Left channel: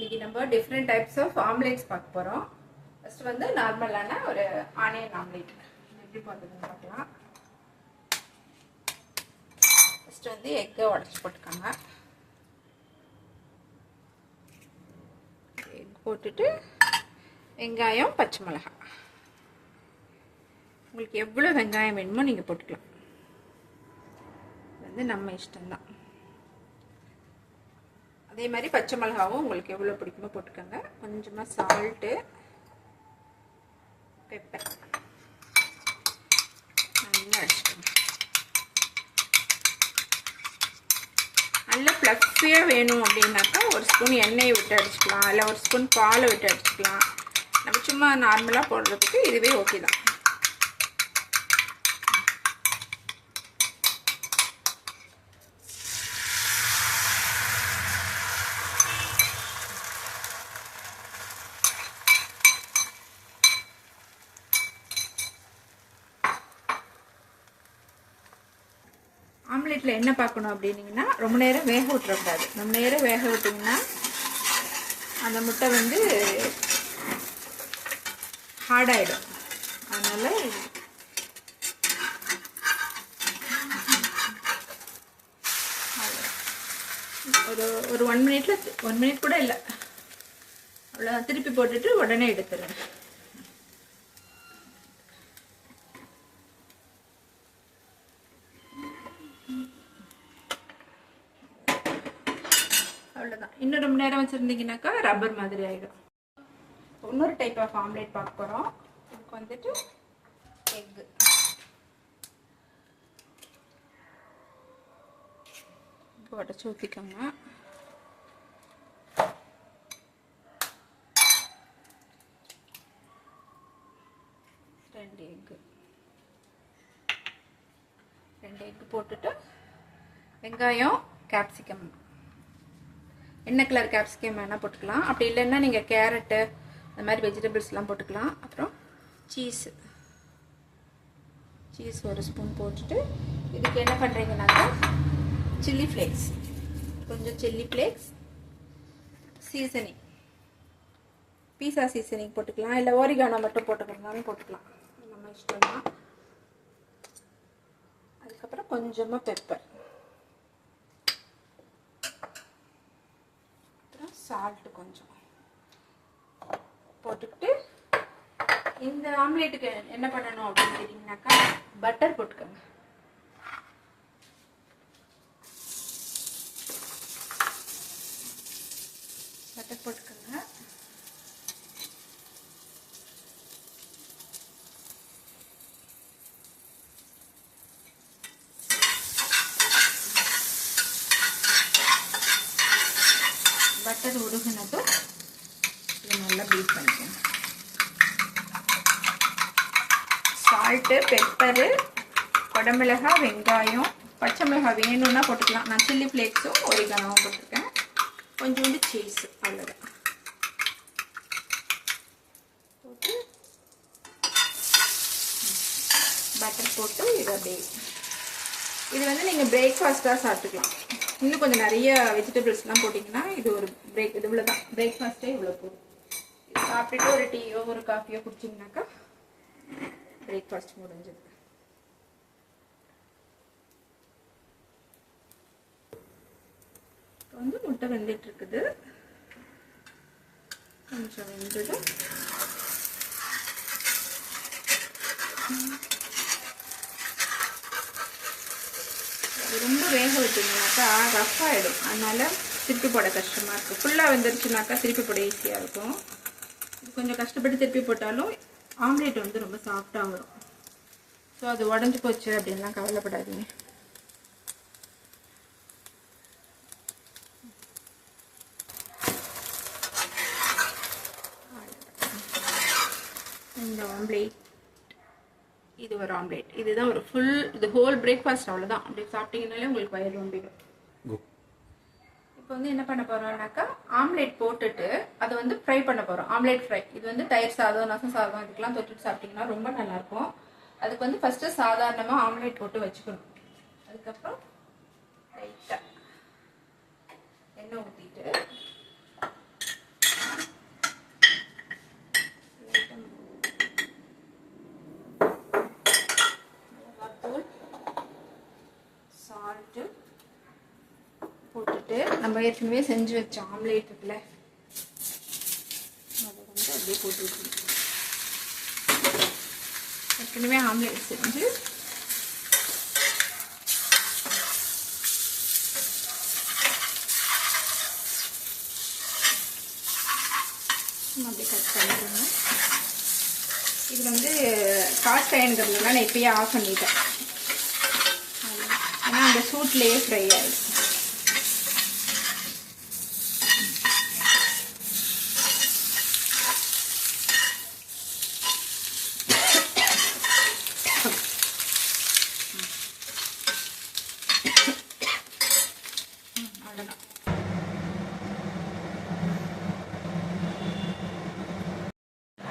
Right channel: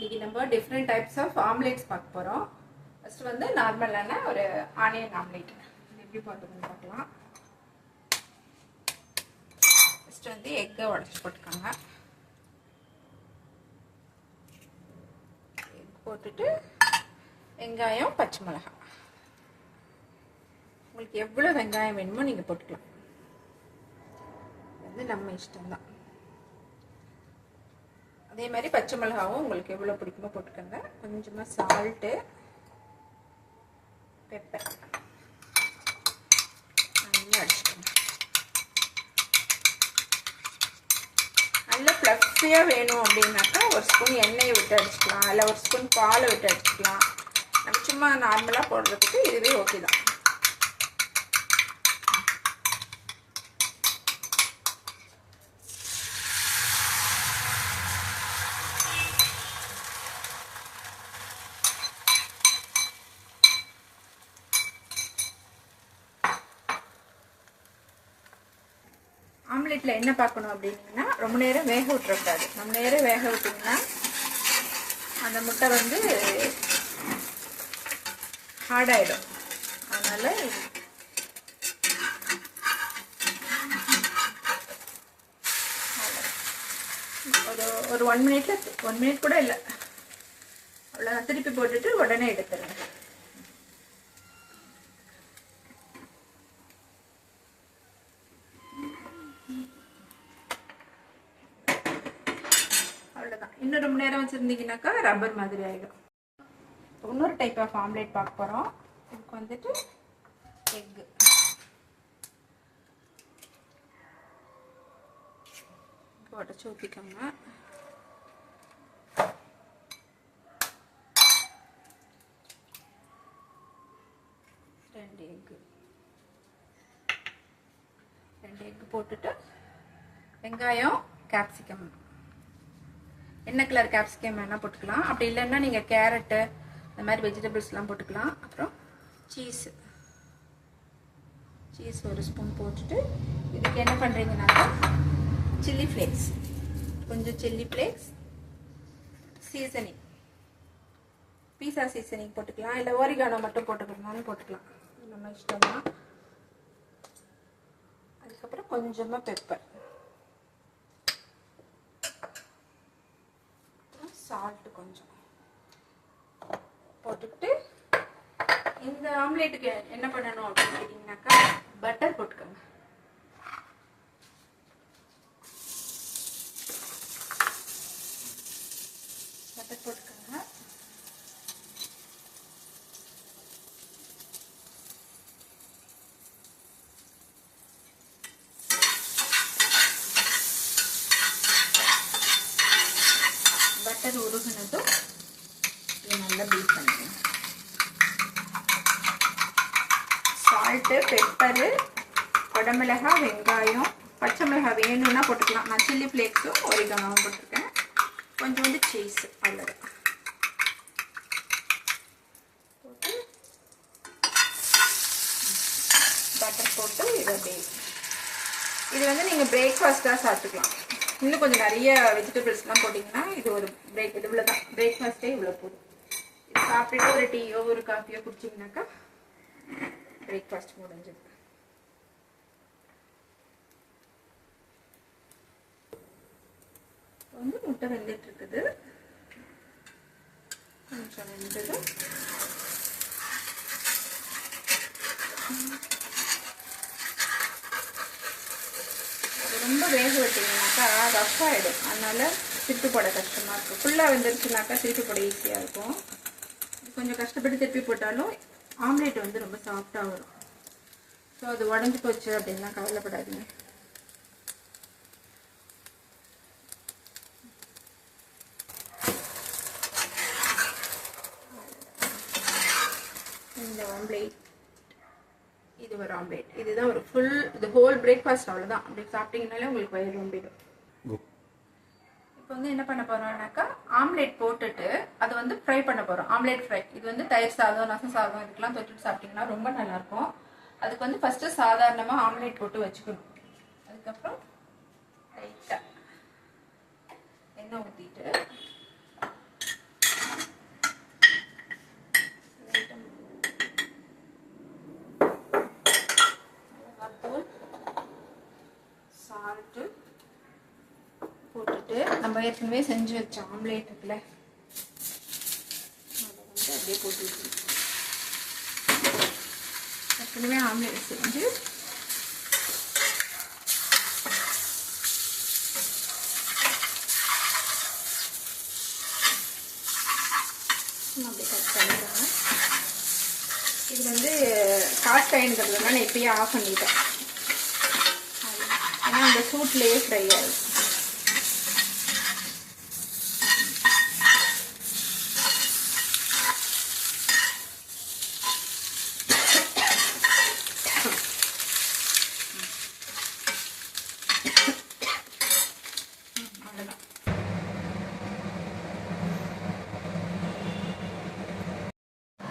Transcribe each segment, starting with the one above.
இன்னைக்கு நம்ம different types of ஆம்லேட்ஸ் பார்க்க போகிறோம். ஃபர்ஸ்ட் வந்து நார்மலான ஒரு ஆனியன் ஆம்லேட் எப்படி பண்ணுறதுன்னு பார்க்கலாம். ஃபர்ஸ்ட் வந்து எக்கை உடச்சி போட்டுக்கோங்க. எக் போட்டுட்டு வெங்காயம், பச்சை மிளகாய், உங்களுக்கு எவ்வளோ வெங்காயம் வேணுமோ நீங்கள் போட்டுக்கலாம். வந்து நம்ம இஷ்டம்தான். அதே மாதிரி பச்சை மிளகாவும் உங்களுக்கு எவ்வளோ பிடிக்குமோ போட்டுக்கோங்க. கொஞ்சமாக சால்ட்டு, பெப்பர் நல்லா அடிச்சுக்கோங்க. நல்லா ஃப்ளஃபியாக வேணும் அப்படின்னாக்கா ஒரு ஸ்பூன் எண்ணெயை விட்டு அடிச்சுக்கலாம், இல்லை ஒரு ஸ்பூன் பாலை விட்டு அடிச்சுக்கலாம். நம்ம சும்மா நார்மலாக போடுறதுக்கு இதுவே ஓகே தான். ஆம்லேட்டில் என்ன பார்க்கணும் அப்படின்னீங்கன்னா, ரொம்ப நேரம் வேக விட்டுறக்கூடாது. ரொம்ப நேரம் வேக விட்டிங்கன்னா அந்த முட்டை வந்து ஹார்டாயிடும். அதனால ஒரு 1 மினிட் கூட இல்லை, அவ்வளோ திருப்பி போட்டுட்டு உடனே எடுத்துருங்க. அவ்வளோதான். இன்னும் ரொம்ப நேரம் வச்சுருந்தீங்கன்னாக்கா ரப்பர் மாதிரி ஆகிடும். இன்னொரு டைப் ஆஃப் ஆம்லேட் பார்க்க போகிறோம். இதுக்கு வந்துட்டு எக்கு உடச்சி ஊற்றிக்கோங்க. ரெண்டு எக்கு போட்டுட்டு வெங்காயம், கேப்சிகம், என்ன கலர் கேப்சிகம் வேணால் போட்டுக்கலாம். அப்படி இல்லைன்னா நீங்கள் கேரட்டு அந்த மாதிரி வெஜிடபிள்ஸ்லாம் போட்டுக்கலாம். அப்புறம் சீஸ் ஒரு ஸ்பூன் போட்டுட்டு இதுக்கு என்ன பண்ணுறீங்கன்னாக்கா சில்லி ஃப்ளேக்ஸ், கொஞ்சம் சில்லி ஃப்ளேக்ஸ், சீசனிங், பீஸா சீசனிங் போட்டுக்கலாம், இல்லை ஓரிகானோ மட்டும் போட்டுக்கிறதுனாலும் போட்டுக்கலாம், நம்ம இஷ்டம் தான். அதுக்கப்புறம் கொஞ்சமாக பெப்பர், சால்ட் கொஞ்சம் போட்டுக்கிட்டு இந்த ஆம்லேட்டுக்கு என்ன பண்ணணும் அப்படின்னு கேட்டிங்கனாக்கா பட்டர் போட்டுக்கோங்க. பட்டர் போட்டுக்கோங்க. பட்டர் உருகுனதும் நல்லா பீட் பண்ணிக்கோங்க. சால்ட்டு, பெப்பரு, குடமிளகாய், வெங்காயம், பச்சை மிளகாய் வேணும்னா போட்டுக்கலாம். நான் சில்லி ஃப்ளேக்ஸும் ஒரிகானோவும் போட்டிருக்கேன். கொஞ்சோண்டு சீஸ், அவ்வளோதான் போட்டு பட்டர் போட்டு இதை இது வந்து நீங்கள் பிரேக்ஃபாஸ்ட்டாக சாப்பிட்டுக்கலாம். இன்னும் கொஞ்சம் நிறைய வெஜிடபிள்ஸ்லாம் போட்டிங்கன்னா இது ஒரு இவ்வளோ தான் பிரேக்ஃபாஸ்ட்டே இவ்வளோ போதும். இது சாப்பிட்டுட்டு ஒரு டீயோ ஒரு காஃபியோ குடிச்சிங்கனாக்கா பிரேக்ஃபாஸ்ட் முடிஞ்சது. வந்து முட்டை வெந்துட்டு இருக்குது. கொஞ்சம் வெந்தது ரொம்ப வேக விட்டீங்கன்னாக்கா ரஃப் ஆகிடும். அதனால திருப்பி போட கஷ்டமாக இருக்குது. ஃபுல்லாக வெந்துருச்சுனாக்கா திருப்பி போட ஈஸியாக இருக்கும். கொஞ்சம் கஷ்டப்பட்டு திருப்பி போட்டாலும் ஆம்லேட் வந்து ரொம்ப சாஃப்டாக வரும். ஸோ அது உடஞ்சி போச்சு அப்படின்லாம் கவலைப்படாதீங்க. இந்த ஆம்லேட், இது ஒரு ஆம்லேட், இதுதான் ஒரு இது ஹோல் பிரேக்ஃபாஸ்ட். அவ்வளோதான். அப்படி சாப்பிட்டீங்கனாலே உங்களுக்கு வயிறு ரொம்பிடும். இப்போ வந்து என்ன பண்ண போறோம்னாக்கா ஆம்லேட் போட்டுட்டு அதை வந்து ஃப்ரை பண்ண போறோம். Omelette fry. இது வந்து தயிர் சாதம், ரசம் சாதம் இதுக்கெல்லாம் தொட்டுட்டு சாப்பிட்டீங்கன்னா ரொம்ப நல்லா இருக்கும். அதுக்கு வந்து ஃபர்ஸ்ட் சாதாரணமா ஆம்லேட் போட்டு வச்சுக்கணும். அதுக்கப்புறம் லைட்டா எண்ணெய் ஊற்றிட்டு போட்டுட்டு நம்ம ஏற்கனவே செஞ்சு வச்ச ஆம்லேட் இருக்குல்ல, அதை வந்து அப்படியே போட்டு ஏற்கனவே ஆம்லேட் செஞ்சு அப்படி கட் பண்ணிடுவோம். இது வந்து காட் அயன்கிறதுனால நான் இப்பயே ஆஃப் பண்ணிட்டேன். ஏன்னா அந்த சூட்லேயே ஃப்ரை ஆகிடும்.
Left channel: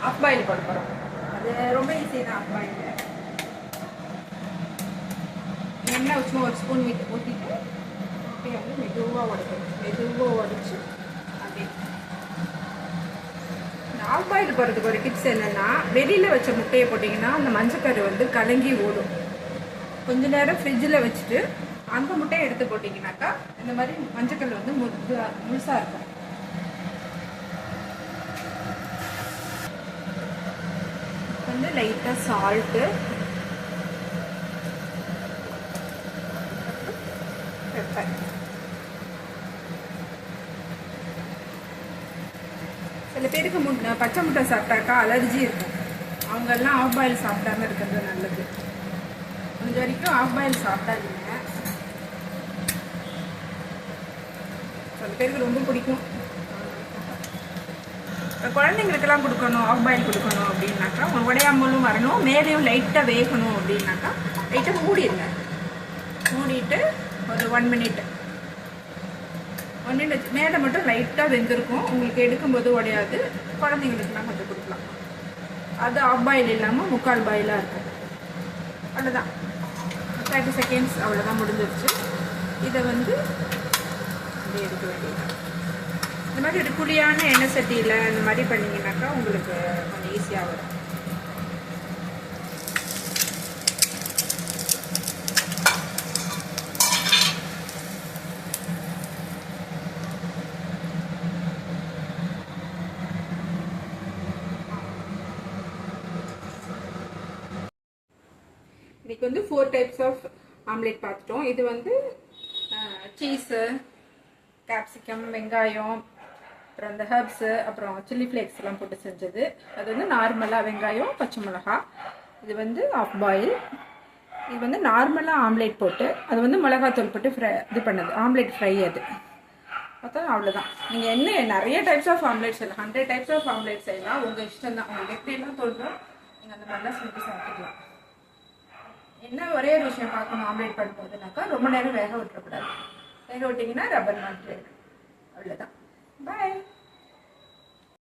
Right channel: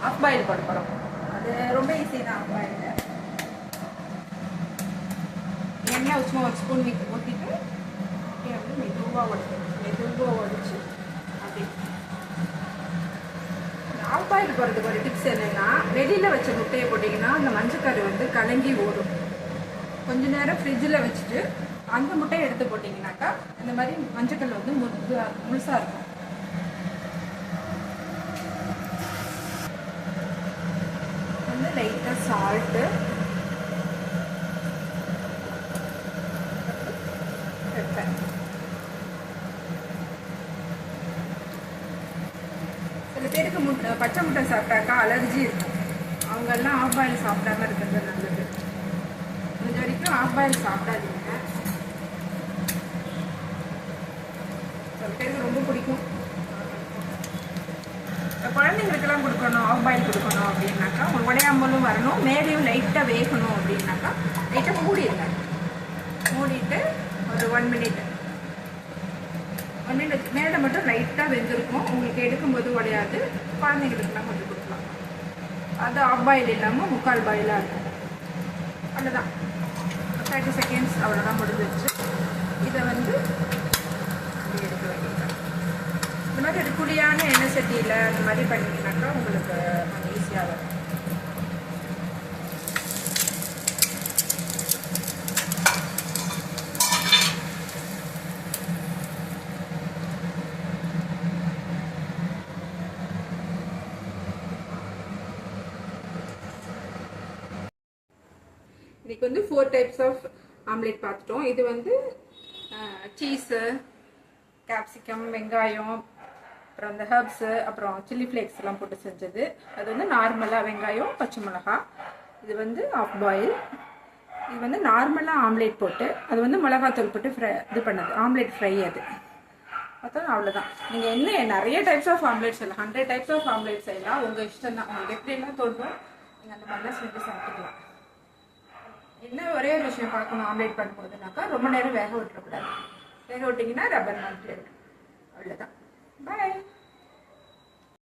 ஆஃப் பாயில் பண்ண போகிறோம். அது ரொம்ப ஈஸி தான். ஆஃப் பாயில் எண்ணெய் சும்மா ஒரு ஸ்பூன் ஊற்றிட்டு வந்து மெதுவாக உடைச்சு அப்படி. ஆஃப் பாயில் போகிறதுக்கு ஒரு டிப்ஸ் என்னென்னா, வெளியில் வச்ச முட்டையை போட்டிங்கன்னா அந்த மஞ்சக்கரு வந்து கலங்கி ஓடும். கொஞ்ச நேரம் ஃப்ரிட்ஜில் வச்சுட்டு அந்த முட்டையை எடுத்து போட்டிங்கனாக்கா இந்த மாதிரி மஞ்சக்கல் வந்து முழுசாக இருக்கும். வந்து லைட்டாக சால்ட்டு, பெப்பர். சில பேருக்கு பச்சை முட்டை சாப்பிட்டாக்கா அலர்ஜி இருக்கும். அவங்கெல்லாம் ஆஃப் பாயில் சாப்பிடாம இருக்கிறது நல்லது. முடிஞ்ச வரைக்கும் ஆஃப் பாயில் சாப்பிடாதீங்க. சில பேருக்கு ரொம்ப பிடிக்கும். குழந்தைங்களுக்கெல்லாம் கொடுக்கணும், ஆஃப் பாயில் கொடுக்கணும் அப்படின்னாக்கா உடையாமலும் வரணும், மேலேயும் லைட்டாக வேகணும் அப்படின்னாக்கா லைட்டாக மூடிடுங்க. மூடிட்டு ஒரு 1 மினிட் வச்சு மேலே மட்டும் லைட்டாக வெந்திருக்கும். உங்களுக்கு எடுக்கும்போது உடையாது. குழந்தைங்களுக்குலாம் கொஞ்சம் கொடுக்கலாம். அது ஆஃப் பாயில் இல்லாமல் முக்கால் பாயிலாக இருக்கும். அவ்வளோதான், 30 செகண்ட்ஸ் அவ்வளோதான், முடிஞ்சிருச்சு. இதை வந்து அப்படி எடுக்க வேண்டியதான். இந்த மாதிரி ஒரு குழியான எண்ணெய் சட்டியில் இந்த மாதிரி பண்ணிங்கன்னாக்கா உங்களுக்கு கொஞ்சம் ஈஸியாக வரும். இன்னைக்கு வந்து 4 டைப்ஸ் ஆஃப் ஆம்லேட் பார்த்துட்டோம். இது வந்து சீஸு, கேப்சிகம், வெங்காயம், அப்புறம் அந்த ஹர்ப்ஸு, அப்புறம் சில்லி ஃப்ளேக்ஸ் எல்லாம் போட்டு செஞ்சது. அது வந்து நார்மலாக வெங்காயம், பச்சை மிளகா. இது வந்து ஆஃப் பாயில். இது வந்து நார்மலாக ஆம்லேட் போட்டு அது வந்து மிளகாத்தூள் போட்டு இது பண்ணது ஆம்லேட் ஃப்ரை. அது பார்த்தா அவ்வளோதான். நீங்கள் என்ன நிறைய டைப்ஸ் ஆஃப் ஆம்லேட் செய்யலாம். 100 டைப்ஸ் ஆஃப் ஆம்லேட் செய்யலாம். உங்கள் இஷ்டம் தான். உங்களுக்கு எப்படியெல்லாம் தோல்றோம் நீங்கள் அந்த மாதிரிலாம் செஞ்சு சாப்பிட்டுக்கலாம். என்ன ஒரே ஒரு விஷயம் பார்க்கணும் ஆம்லேட் பண்ணும்போதுனாக்கா, ரொம்ப நேரம் வேக விட்டுறக்கூடாது. வேக விட்டிங்கன்னா ரப்பர் மாதிரி இருக்கும். அவ்வளோதான். பாய்.